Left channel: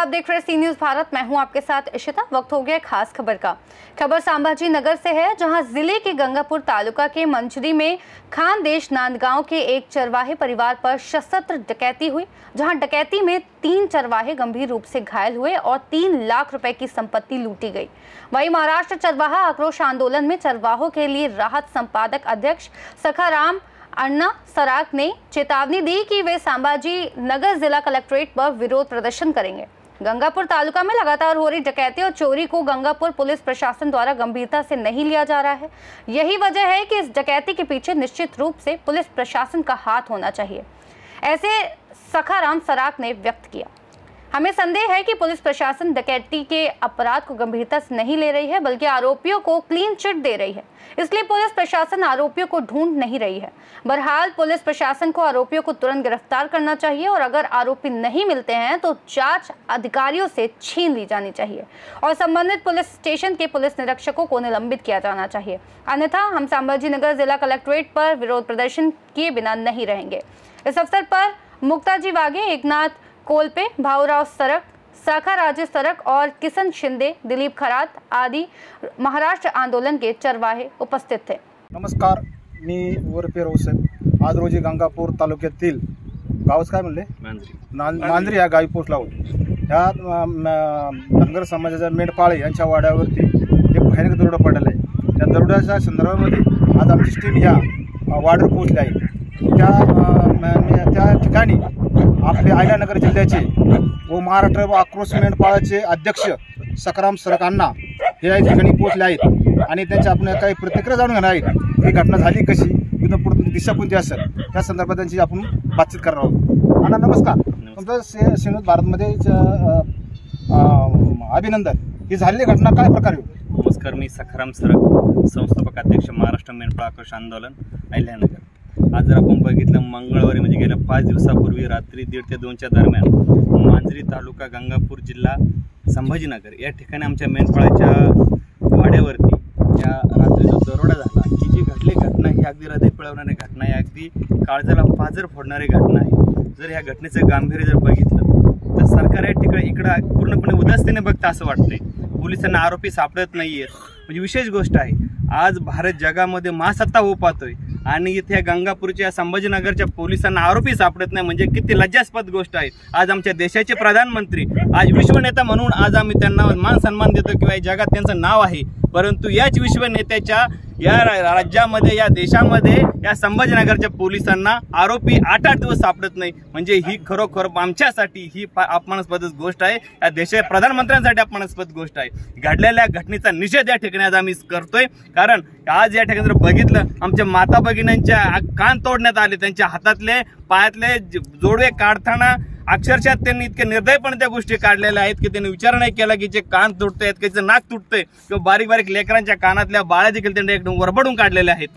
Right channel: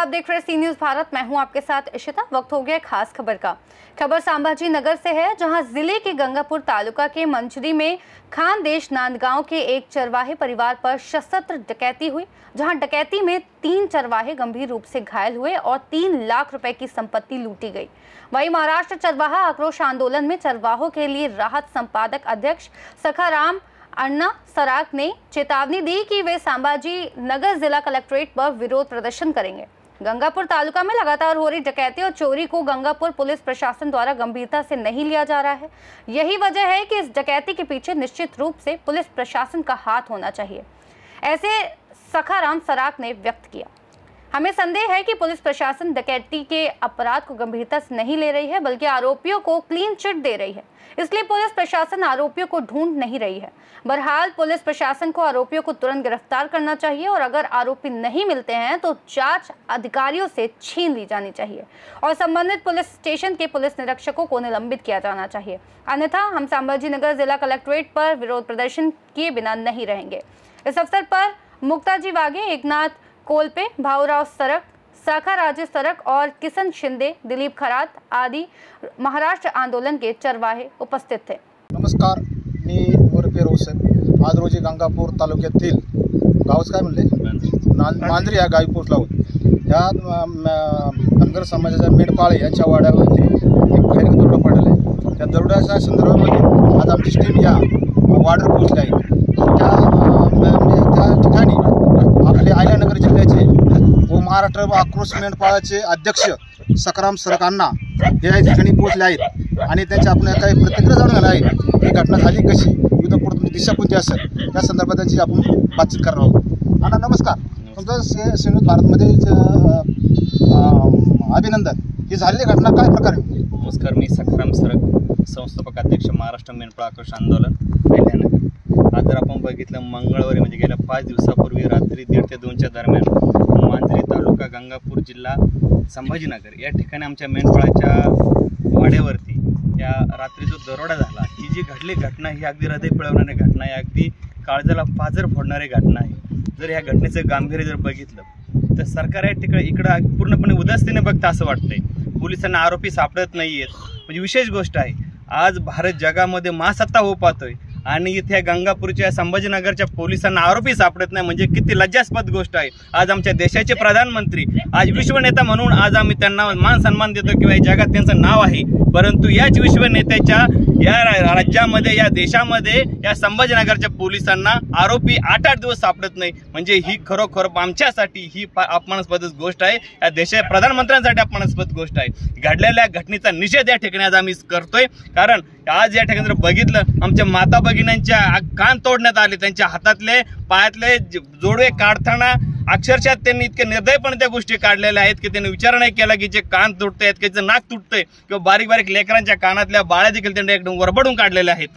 आप देख रहे हैं सी न्यूज भारत। मैं हूं आपके साथ इशिता। वक्त हो गया खास खबर का। खबर संभाजी नगर से है, जहां जिले के गंगापुर तालुका के मंचरी में खानदेश नांदगांव के एक चरवाहे परिवार पर सशस्त्र डकैती हुई, जहां डकैती में 3 चरवाहे गंभीर रूप से घायल हुए और 3 लाख रुपए की संपत्ति लूटी गई। वहीं महाराष्ट्र चरवाहा आक्रोश आंदोलन में चरवाहों के लिए राहत संपादक अध्यक्ष सखाराम अन्ना सराक ने चेतावनी दी कि वे संभाजी नगर जिला कलेक्ट्रेट पर विरोध प्रदर्शन करेंगे। गंगापुर तालुका में लगातार हो रही डकैती और चोरी को गंगापुर पुलिस प्रशासन द्वारा गंभीरता से नहीं लिया जा रहा है। यही वजह है कि इस डकैती के पीछे निश्चित रूप से पुलिस प्रशासन का हाथ होना चाहिए, ऐसे सखाराम सराक ने व्यक्त किया। हमें संदेह है कि पुलिस प्रशासन डकैती के अपराध को गंभीरता से नहीं ले रही है, बल्कि आरोपियों को क्लीन चिट दे रही है। इसलिए पुलिस प्रशासन आरोपियों को ढूंढ नहीं रही है। बहरहाल पुलिस प्रशासन को आरोपियों को तुरंत गिरफ्तार करना चाहिए और अगर आरोपी नहीं मिलते हैं तो जांच अधिकारियों से छीन ली जानी चाहिए और संबंधित पुलिस स्टेशन के पुलिस निरीक्षकों को निलंबित किया जाना चाहिए। अन्यथा हम संभाजी नगर जिला कलेक्ट्रेट पर विरोध प्रदर्शन किए बिना नहीं रहेंगे। इस अवसर पर मुक्ताजी वाघे, एकनाथ कोलपे, भाऊराव सरक, साखा राजेश सरक और किसन शिंदे, दिलीप खरात आदि महाराष्ट्र आंदोलन के चरवाहे उपस्थित थे। नमस्कार, मी उर्फे रोशन आज रोजी गंगापूर तालुक्यातील गावच काय म्हणले मांजरी या गावी पोहोचला होतो। या धनगर समाजाच्या मेंढपाळे यांच्या वाड्यावरती एक भयानक दरोडा पडलेला आहे। त्या दरोड्याच्या संदर्भामध्ये आज आमची टीम या वाड्यावर पोहोचली आहे। त्या ठिकाणी आपले अहिल्यानगर जिल्ह्याचे व महाराष्ट्र आक्रोश मेंढपाळाचे अध्यक्ष सखाराम सरक अण्णा हे या ठिकाणी पोहोचले आहेत आणि त्यांच्या आपण काही प्रतिक्रिया जाणून घेणार आहेत। ही घटना झाली कशी, इथून पुढे तुमची दिशा कोणती असेल त्या संदर्भात त्यांची आपण बातचीत करणार आहोत। अण्णा नमस्कार, तुमचं सी न्यूज भारतमध्ये अभिनंदन। ही झालेली घटना काय प्रकारे? नमस्कार, मी सखाराम सरक, संस्थापक अध्यक्ष महाराष्ट्र मेंढपाळ आक्रोश आंदोलन अहिल्यानगर। आज जर आपण बघितलं मंगळवारी म्हणजे गेल्या 5 दिवसापूर्वी रात्री 1:30 ते 2च्या दरम्यान मांजरी तालुका गंगापूर जिल्हा संभाजीनगर या ठिकाणी आमच्या मेंढपाळाच्या वाड्यावरती या रात्री जो दरोडा झाला, ही जी घडली घटना ही अगदी हृदय पिळवणारी घटना आहे, अगदी काळजाला पाझर फोडणारी घटना आहे। जर ह्या घटनेचं गांभीर्य जर बघितलं तर सरकार या ठिकाणी इकडं पूर्णपणे उदासीने बघतं असं वाटतंय। पोलिसांना आरोपी सापडत नाहीयेत, म्हणजे विशेष गोष्ट आहे। आज भारत जगामध्ये महासत्ता होऊ पाहतोय आणि इथे गंगापूरच्या संभाजीनगरच्या पोलिसांना आरोपी सापडत नाही, म्हणजे किती लज्जास्पद गोष्ट आहे। आज आमच्या देशाचे प्रधानमंत्री, आज विश्वनेता म्हणून आज आम्ही त्यांना मान सन्मान देतो किंवा जगात त्यांचं नाव आहे, परंतु याच विश्वनेत्याच्या या राज्यामध्ये या देशामध्ये या संभाजीनगरच्या पोलिसांना आरोपी 8-8 दिवस सापडत नाही, म्हणजे ही खरोखर आमच्यासाठी ही अपमानास्पद गोष्ट आहे। या देशाच्या प्रधानमंत्र्यांसाठी अपमानास्पद गोष्ट आहे। घडलेल्या घटनेचा निषेध या ठिकाणी आज आम्ही करतोय, कारण आज या ठिकाणी जर बघितलं आमच्या माता भगिनींच्या कान तोडण्यात आले, त्यांच्या हातातले पायातले जोडवे काढताना अक्षरशः त्यांनी इतके निर्दयपणे त्या गोष्टी काढलेल्या आहेत की त्यांनी विचार नाही केला की जे कान तुटते आहेत, की नाक तुटतंय किंवा बारीक बारीक लेकरांच्या कानातल्या बाळ्या देखील त्यांनी एकदम वरबडून काढलेल्या आहेत।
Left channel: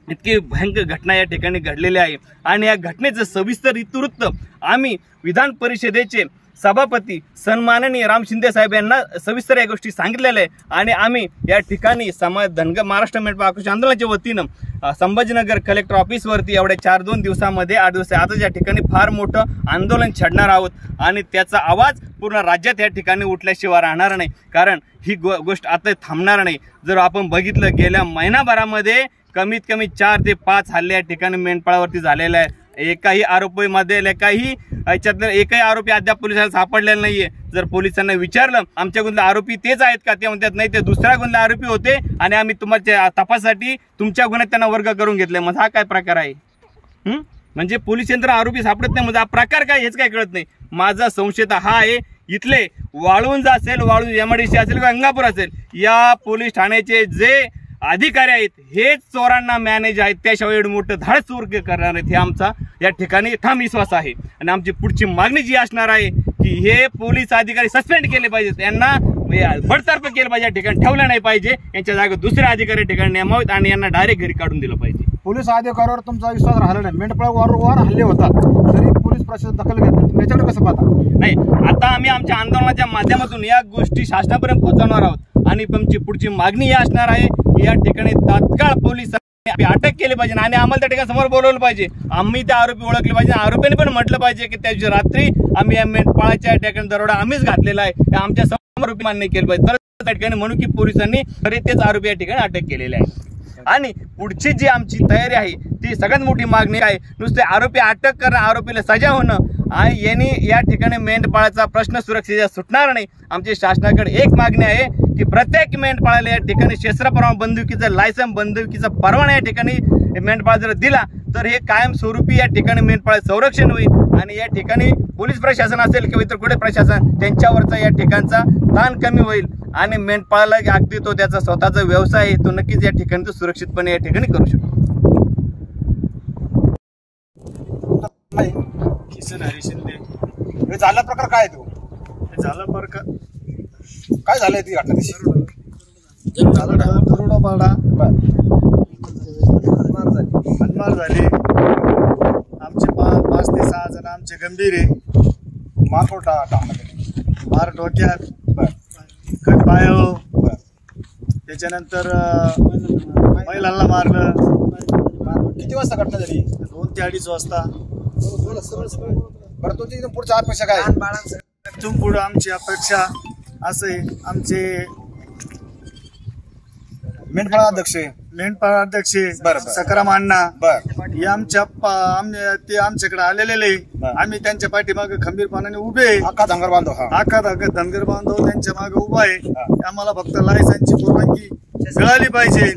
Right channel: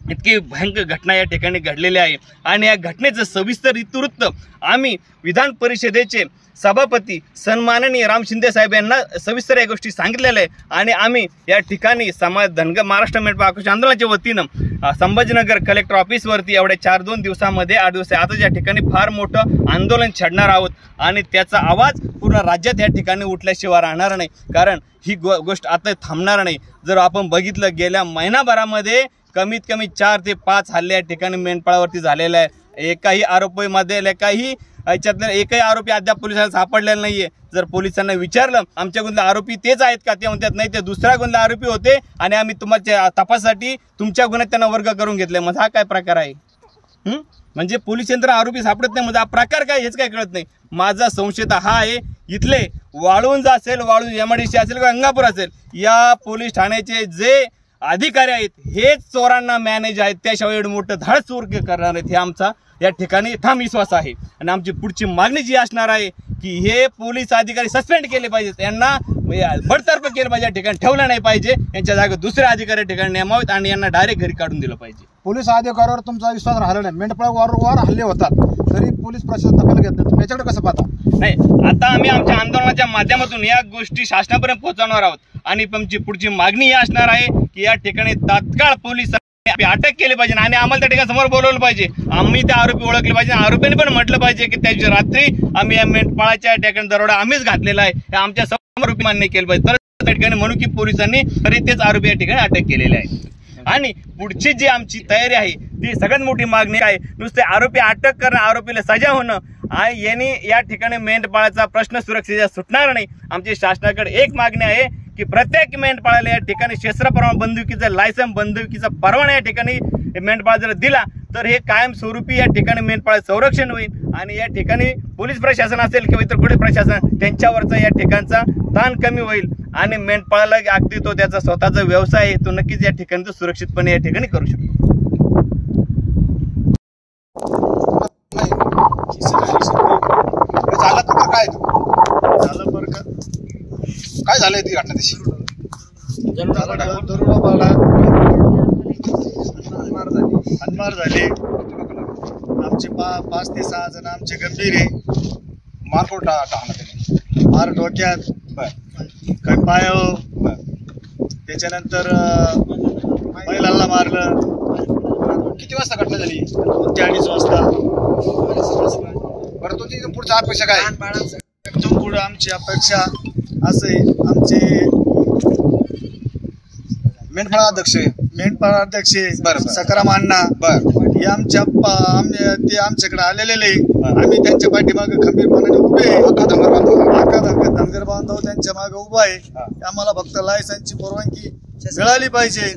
इतकी भयंकर घटना या ठिकाणी घडलेली आहे आणि या घटनेचं सविस्तर इतिवृत्त आम्ही विधान परिषदेचे सभापती सन्माननीय राम शिंदे साहेब यांना सविस्तर या गोष्टी सांगितलेल्या आहे आणि आम्ही या ठिकाणी महाराष्ट्र मेंढपाळ आक्रोश आंदोलनाच्या वतीनं संभाजीनगर कलेक्टर ऑफिसवरती एवढ्या 4-2 दिवसामध्ये 8 दिवस आता या ठिकाणी फार मोठं आंदोलन छेडणार आहोत आणि त्याचा आवाज पूर्ण राज्यात या ठिकाणी उठल्याशिवाय राहणार नाही, कारण ही गोष्ट आता थांबणार नाही। जर आपण बघितलं गेल्या महिनाभरामध्ये कमीत कमी 4 ते 5 हल्ले या ठिकाणी मेंढपाळावरती झालेले आहे। एकही आरोपीमध्ये एकही आरोपी अद्याप पोलिसांना सापडलेला नाहीये। जर पोलिसांना विचारलं आमच्या गुन्ह्यात आरोपी तेच आहेत का, ते म्हणतात नाही, ते दुसऱ्या गुन्ह्यात आरोपी होते आणि आम्ही तुमच्या तपासासाठी तुमच्या गुन्ह्यात त्यांना वर्ग करून घेतले। मग हा काय प्रकार आहे? म्हणजे पोलीस यंत्र आरोपी सापडत नाही, म्हणजे हा प्रकार काय हेच काय कळत नाही। माझा संशय हा आहे, इथले वाळुंज असेल, वाळुंज MIDC असेल, गंगापूर असेल, या पोलीस ठाण्याचे जे अधिकारी आहेत हेच चोरांना मॅनेज आहेत, त्याशिवाय एवढं मोठं धाड चोर करणार आहेत हे आमचा या ठिकाणी ठाम विश्वास आहे। आणि आमची पुढची मागणी जी असणार आहे की हे पोलीस अधिकारी सस्पेंड केले पाहिजेत, यांना बडतर्फ केलं पाहिजे, या ठिकाणी ठेवलं नाही पाहिजे, यांच्या जागेवर दुसरे अधिकारी ठिकाणी नेमावेत आणि यांना डायरेक्ट घरी काढून दिलं पाहिजे। पोलीस अधिकाऱ्यावर तुमचा विश्वास राहिला नाही, मेंढपाळावर हल्ले होतात तरी पोलीस प्रशासन दखल घेत नाही, तुम्ही याच्याकडे कसं पाहता? नाही, आता आम्ही आमच्या आंदोलनाच्या माध्यमातून या गोष्टी शासनापर्यंत पोहोचवणार आहोत आणि आमची पुढची मागणी ही असणार आहे की या ठिकाणी तात्काळ पोलीस अटक केली पाहिजे आणि आम्हाला त्या ठिकाणी समोर बोलवलं पाहिजे. आम्ही त्या आरोपी ओळखले पाहिजे. आरोपीने पण म्हटलं पाहिजे की त्या दिवशी रात्री आम्ही या मेंढपाळाच्या ठिकाणी दरोडा आम्हीच घातलेला आहे, हे आमच्या समोर मान्य केलं पाहिजे. तर त्या ठिकाणी म्हणून की पोलिसांनी तरी तेच आरोपी या ठिकाणी अटक केलेले आहे. आणि पुढची जी आमची तयारी आहे ती सगळ्यात मोठी मागणी आहे. नुसते आरोपी अटक करणं, आरोपीला सजा होणं आणि यांनी या ठिकाणी मेंढपाळाचा प्रश्न सुरक्षेचा सुटणार नाही. आमची शासनाकडे एक मागणी आहे की प्रत्येक मेंढपाळाला या ठिकाणी शस्त्र परवाना, बंदुकीचं लायसन, बंदुकीचा परवाना या ठिकाणी मेंढपाळ जर दिला तर हे कायमस्वरूपी या ठिकाणी मेंढपाळ संरक्षण होईल आणि या ठिकाणी पोलीस प्रशासन असेल किंवा इतर कुठे प्रशासन त्यांच्यावरचा या ठिकाणचा ताण कमी होईल आणि मेंढपाळाला अगदी तो त्याचा स्वतःचा व्यवसाय आहे तो नक्कीच या ठिकाणी तो सुरक्षितपणे या ठिकाणी करू शकतो. झाला प्रकार काय तो झाला प्रकार काय झालंय ती घटना तशी दरोडा पाडा, हाणमार झाली. आमचे 5 ते 6 जण आमचे गंभीर आहे. मारकोट टाकला त्याने, मार डोक्यात, काही पायावर, त्याच्यानंतर महिलांना मारलं. किती वाजता घटना झाली? 2 ते 2:30 वाजता. बरं तुमची इथून पुढच्या अपेक्षा काय? इथून पुढे आमची अपेक्षा असे, आमचे मेंढपाळ अध्यक्ष सकाराम अण्णा हे ते आमच्याकडे आलेले. आम्ही त्यांच्या पाठीमागे खंबीरपणाने उभे, आका धनगर बांधव त्यांच्या मागे उभा आहे. आम्हाला फक्त लायसनची परवानगी मिळाली पाहिजे.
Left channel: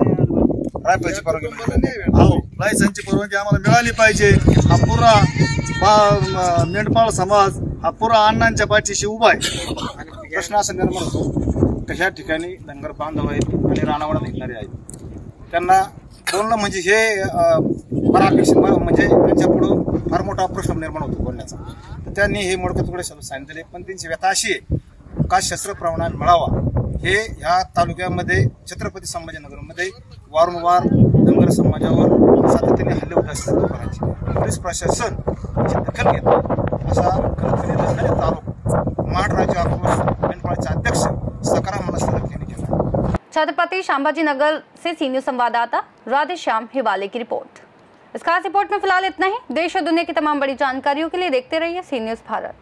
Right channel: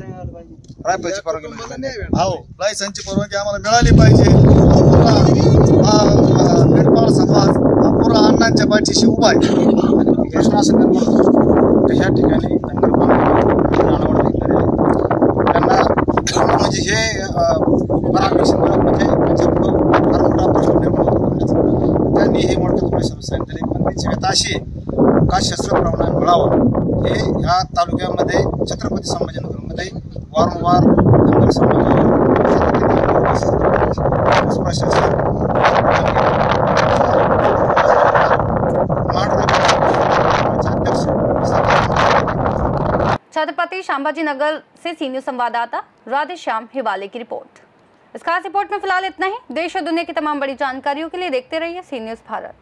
रायफलची परवानगी हो, लायसनची परवानगी आम्हाला मिळाली पाहिजे. हा पुरा मेंढपाळ समाज हा पुरा अण्णांच्या पाठीशी उभा आहे. प्रश्न असं निर्माण होतो तशा ठिकाणी धनगर बांधव रानावर निघणारे आहेत, त्यांना पूर्ण म्हणजे हे परापेक्षित म्हणजे त्यांच्यापुढं फार मोठा प्रश्न निर्माण होतो बोलण्याचा. त्यांनी हे मोडकतपणे सांगितले. पण त्यांची व्यथा अशी आहे का शस्त्र परवाना मिळावा. हे ह्या तालुक्यामध्ये छत्रपती संभाजीनगरमध्ये वारंवार धनगर समाजावर सातत्याने पोलीस प्रशासन अध्यक्ष छत्रपति संभाजी नगर से सीनियर संवाददाता राधेश्याम हिवाले की रिपोर्ट। इस खास रिपोर्ट में फिलहाल इतना ही। देश और दुनिया की तमाम बड़ी जानकारियों के लिए देखते रहिए सी न्यूज़ भारत।